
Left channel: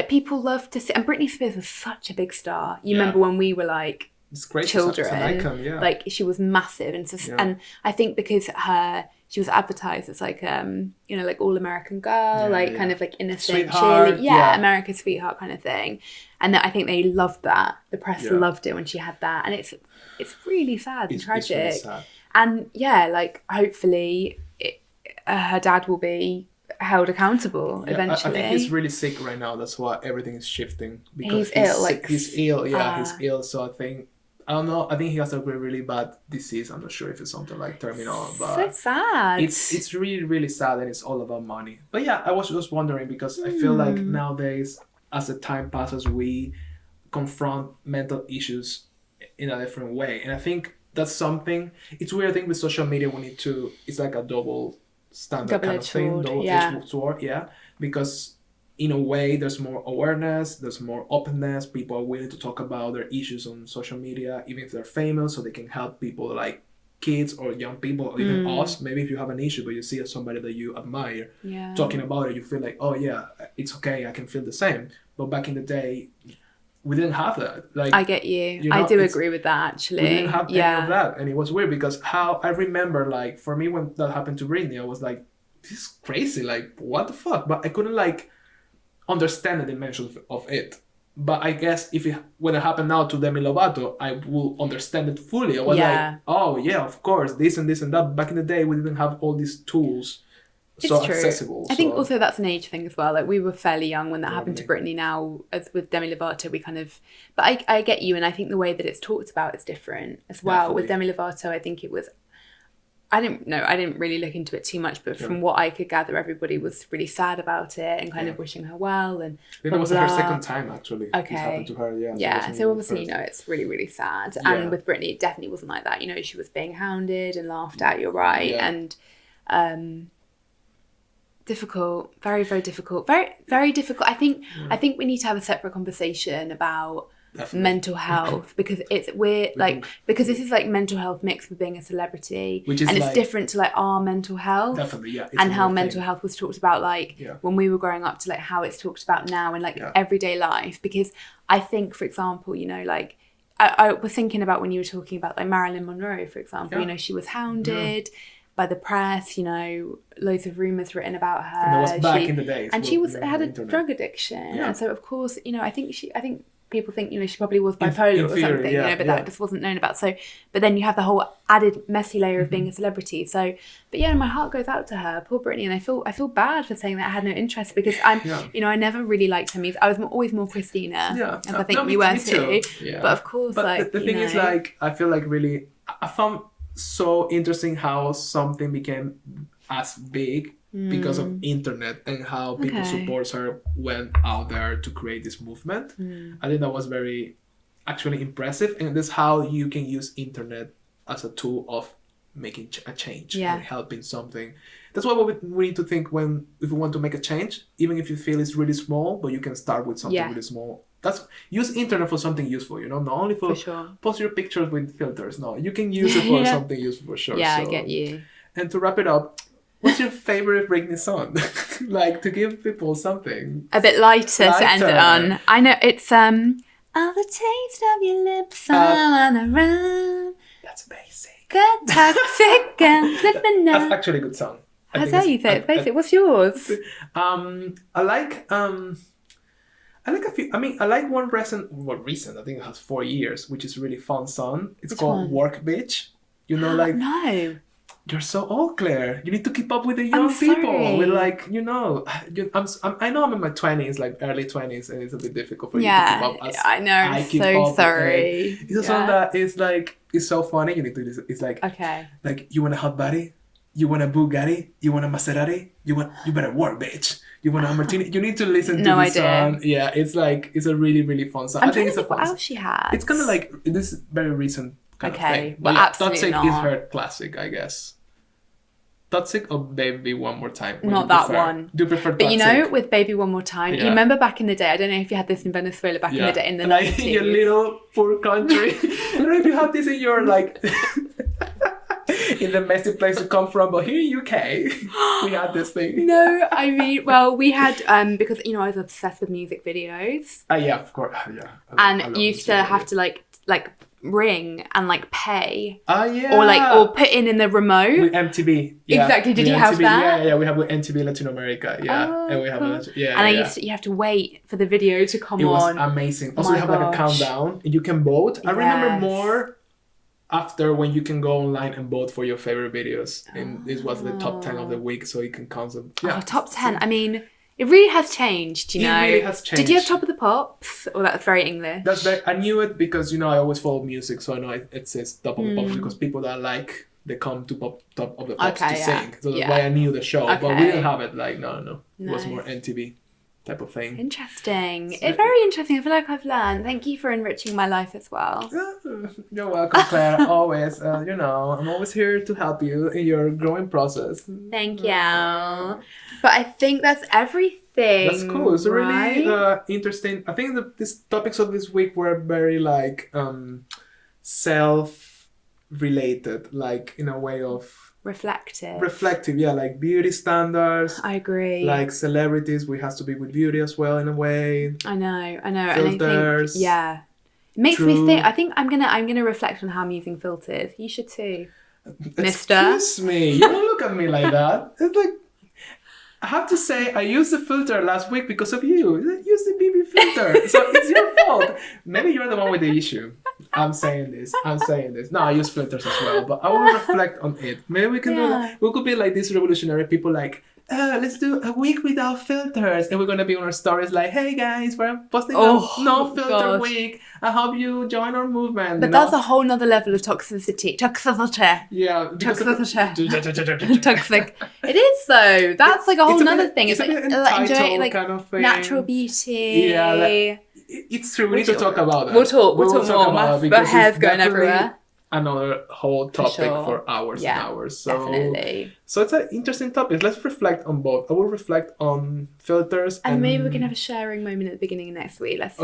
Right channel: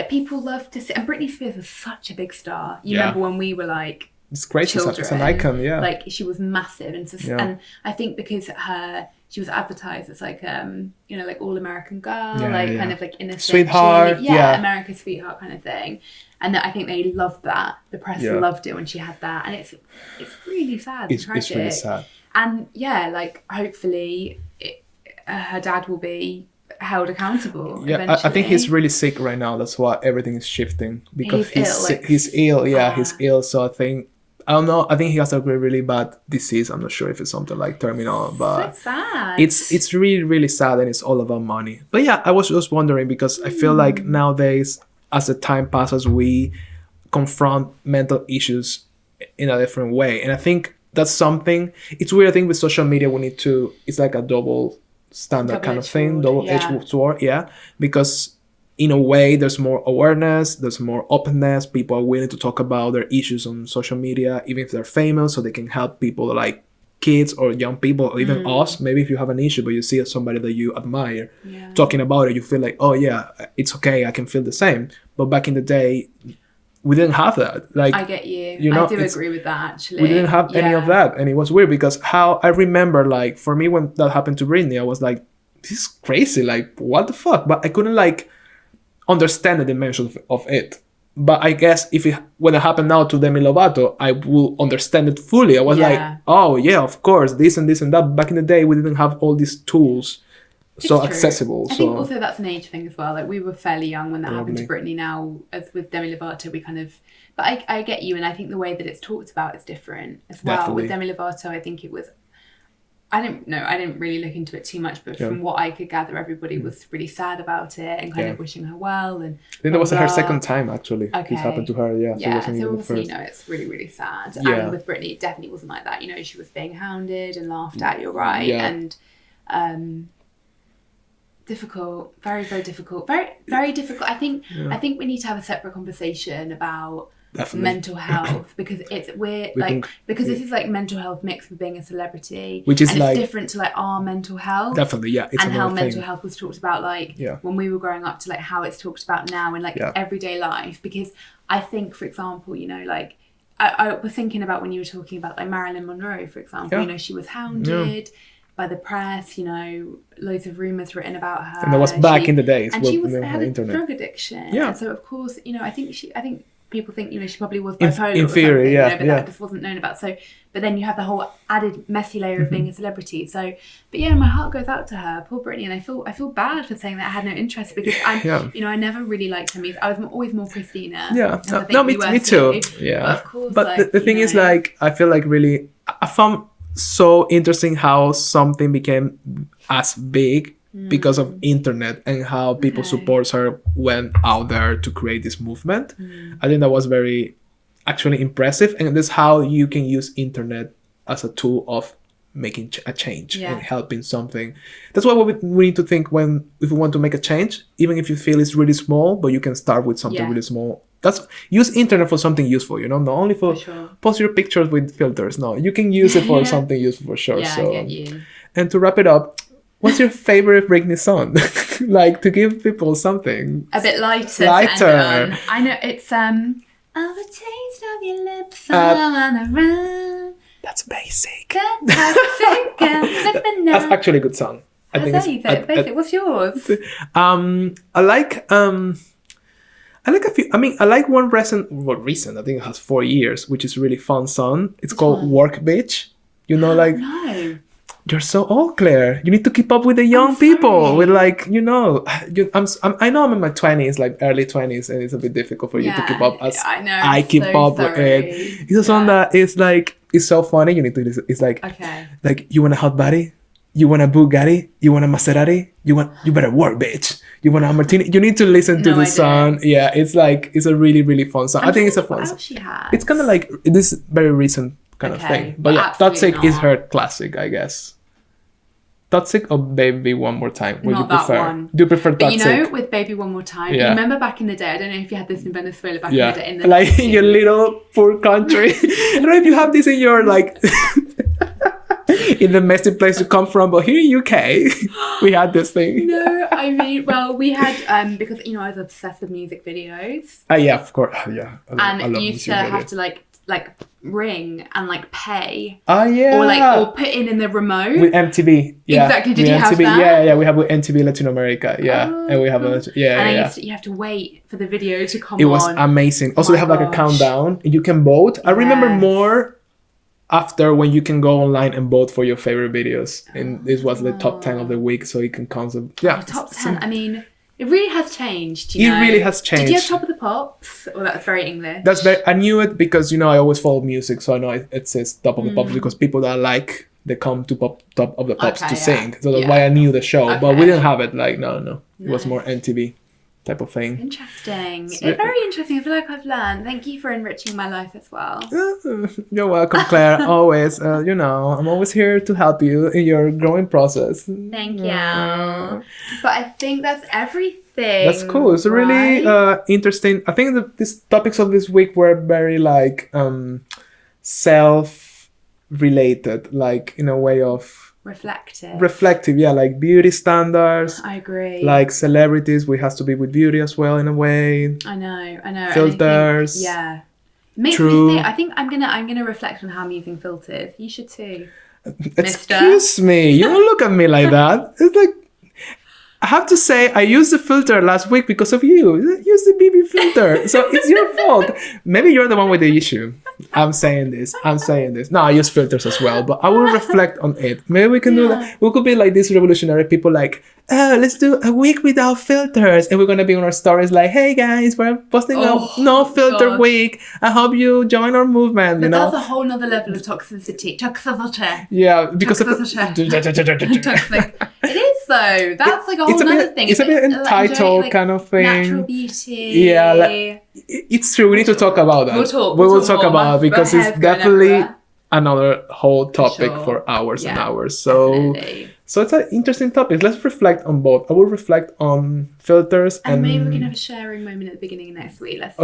people love to see, and Britney Spears was such a big star. You remember when we were like, it's great. Children, it's an icon, like she was massive, and I think because she was advertised as like you know, like all American girl, kind of like innocent sweetheart, America's sweetheart kind of thing, and I think they loved that. The press loved it when she had that, and it's really sad and tragic. It's really sad. And like hopefully her dad will be held accountable eventually. I think he's really sick right now. That's why everything is shifting, because he's ill. He's ill. So I think I don't know. I think he has a really bad disease. I'm not sure if it's something like terminal, but so sad. it's really, really sad, and it's all about money. But yeah, I was just wondering because I feel like nowadays, as the time passes, we confront mental issues in a different way, and I think that's something. It's weird. I think with social media, we need to. It's like a double standard kind of thing, double-edged sword. Yeah, because in a way, there's more awareness, there's more openness. People are willing to talk about their issues on social media, even if they're famous, so they can help people like kids or young people, or even us. Maybe if you have an issue, but you see somebody that you admire talking about it, you feel like, oh yeah, it's okay, I can feel the same. But back in the day, we didn't have that. Like, I get you. I do agree with that, actually. We didn't have any of that, and it was weird because how I remember, like, for me when that happened to Britney, I was like, this is crazy. Like, what the fuck? But I couldn't like understand the dimensions of it. But I guess when it happened now to Demi Lovato, I will understand it fully. I was like, oh yeah, of course, this and this and that. Back in the day, we didn't have all these tools so accessible. I think also that's an age thing as well. Like, we were fairly young when that happened to Britney. Now, as with Demi Lovato, we kind of... But I get you, and I think the way that it's talked about is different as well. Definitely. With Demi Lovato, I think it was... I didn't really look into it too much, but from what I could gather, everybody was really sad about it and kind of wishing her well. And I think that was her second time, actually. This happened to her, so obviously, it's really, really sad. And with Britney, it definitely wasn't like that. She was being hounded and laughed at, you're right. And difficult, very, very difficult. Very, very difficult. I think we need to have a separate conversation about mental health, because it's weird, because this is like mental health mixed with being a celebrity, which is, and it's different to like our mental health, definitely, it's and how mental health was talked about when we were growing up to like how it's talked about now in like everyday life. Because I think, for example, like I was thinking about when you were talking about like Marilyn Monroe, for example, she was hounded by the press, loads of rumours written about her, and that was back in the days, and she had a drug addiction, and so of course, I think people think, she probably was bipolar or something, but that just wasn't known about. So, but then you have the whole added messy layer of being a celebrity. So, but my heart goes out to her, poor Britney, and I feel bad for saying that I had no interest, because I never really liked her music. I was always more Christina. Yeah, me too. Yeah, but of course, but the thing is, like, I feel like really, I found so interesting how something became as big because of internet, and how people support her went out there to create this movement. I think that was very actually impressive, and that's how you can use internet as a tool of making a change and helping something. That's what we need to think if we want to make a change, even if you feel it's really small, but you can start with something really small. Use internet for something useful, not only for post your pictures with filters. No, you can use it for something useful for sure. I get you. And to wrap it up, what's your favorite Britney song? Like, to give people something a bit lighter. To end it on. I know it's all the taste of your lips on the run. That's basic. That's actually a good song. I'll tell you that. Basic. What's yours? I like a few. I mean, I like one recent. I think it has 4 years, which is a really fun song. It's called "Work Bitch." Like. No. You're so old, Claire. You need to keep up with the young people. With like, I know I'm in my 20s, like early 20s, and it's a bit difficult for you to keep up as I keep up with it. It's a song that is like, it's so funny. You need to listen. It's like, like, you want a hot body? You want a Bugatti? You want a Maserati? You better work, bitch. You want a Martini? You need to listen to this song. Yeah, it's like, it's a really, really fun song. I think it's a fun song. She has. It's kind of like this very recent kind of thing. But yeah, Toxic is her classic, I guess. Toxic or Baby One More Time? Not that one. Do you prefer Toxic? But with Baby One More Time, you remember back in the day, I don't know if you had this in Venezuela back in the day. Like in your little poor country. I don't know if you have this in your, like, in the messy place you come from, but here in UK, we had this thing. No, I mean, well, we had, because, I was obsessed with music videos. Yeah, of course. Yeah. And you used to have to, like ring and like pay. Oh yeah. Or put in the remote. With MTV. Yeah. Exactly. Did you have that? Yeah, we have with MTV Latin America. Yeah. And we have you have to wait for the video to come on. It was amazing. Also, they have like a countdown. You can vote. I remember more after when you can go online and vote for your favorite videos. And this was the top 10 of the week, so you can count them. Yeah. Top 10. I mean, It really has changed, you know. It really has changed. Did you have Top of the Pops? Or that's very English. I knew it because, you know, I always follow music, so I know it says Top of the Pops because people that like, they come to Top of the Pops to sing. So that's why I knew the show. Okay. But we didn't have it, like, no. It was more MTV type of thing. Interesting. So, it's very interesting. I feel like I've learned. Thank you for enriching my life as well. You're welcome, Claire. Always. You know, I'm always here to help you in your growing process. Thank you. But I think that's everything. That's cool. It's really interesting. I think these topics of this week were very like self-related, like in a way of reflective, yeah, like beauty standards. I agree. Like celebrities, we have to be with beauty as well in a way. I know. Filters. It makes me think. I think I'm gonna reflect on how I'm using filters. You should too, Mister. Excuse me, you don't look at me like that. It's like, I have to say, I used the filter last week because of you. Use the BB filter. So it's your fault. Maybe you're the one with the issue. I'm saying this. No, I use filters as well, but I will reflect on it. Maybe we can do that. We could be like these revolutionary people like, let's do a week without filters. And we're going to be on our stories like, hey guys, we're posting a no filter week. I hope you join our movement. But that's a whole nother level of toxicity. Yeah, because toxic. It is though. That's like a whole other thing. It's a bit entitled kind of thing. Natural beauty. Yeah, it's true. We need to talk about that. We will talk about it because it's definitely another whole topic for hours and hours. So it's an interesting topic. Let's reflect on both. I will reflect on filters and maybe we can have a sharing moment at the beginning of next week. Let's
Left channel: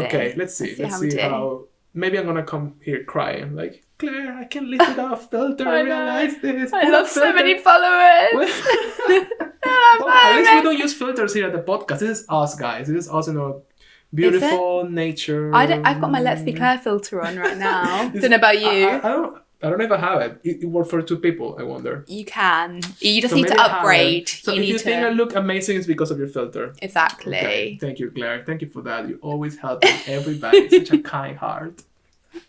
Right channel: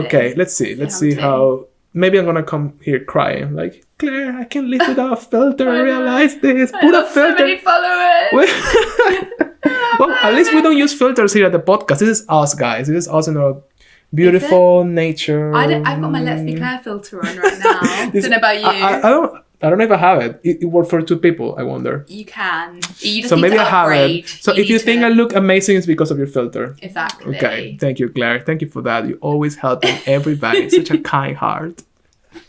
see. Let's see how. Maybe I'm gonna come here crying like, Claire, I can't live without a filter. I realize this. Put a filter. So many followers. Well, at least we don't use filters here at the podcast. This is us, guys. This is us in our beautiful nature. I've got my Let's Be Claire filter on right now. Don't know about you. I don't know if I have it. It worked for 2 people, I wonder. You can. You just need to upgrade. So if you think I look amazing, it's because of your filter. Exactly. Okay. Thank you, Claire. Thank you for that. You always helping everybody. Such a kind heart.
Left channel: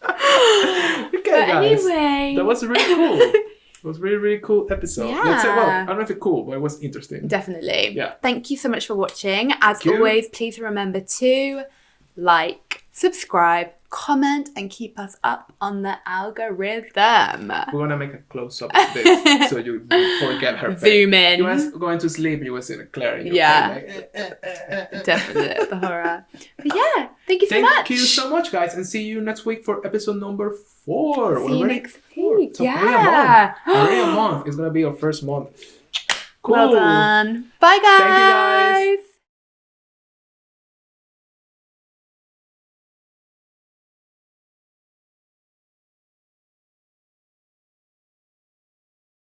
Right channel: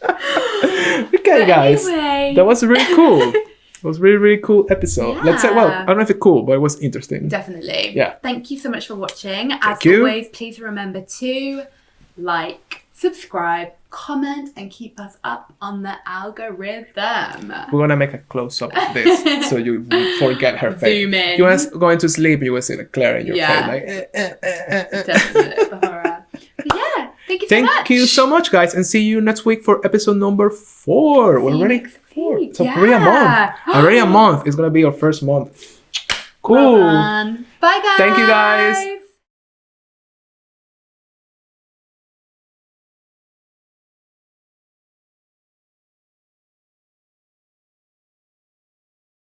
Okay, guys. Anyway. That was really cool. It was a really, really cool episode. Yeah. Let's say, well, I don't know if it's cool, but it was interesting. Definitely. Yeah. Thank you so much for watching. As always, please remember to like, subscribe, comment, and keep us up on the algorithm. We're going to make a close-up of this so you forget her face. Zoom in. You were going to sleep, you will see the Claire in your face. Like, Definitely. The horror. But yeah, thank you so much. Thank you so much, guys. And see you next week for episode number 4. We're already 4. So already a month. Already a month. It's going to be our first month. Cool. Well done. Bye, guys. Thank you, guys.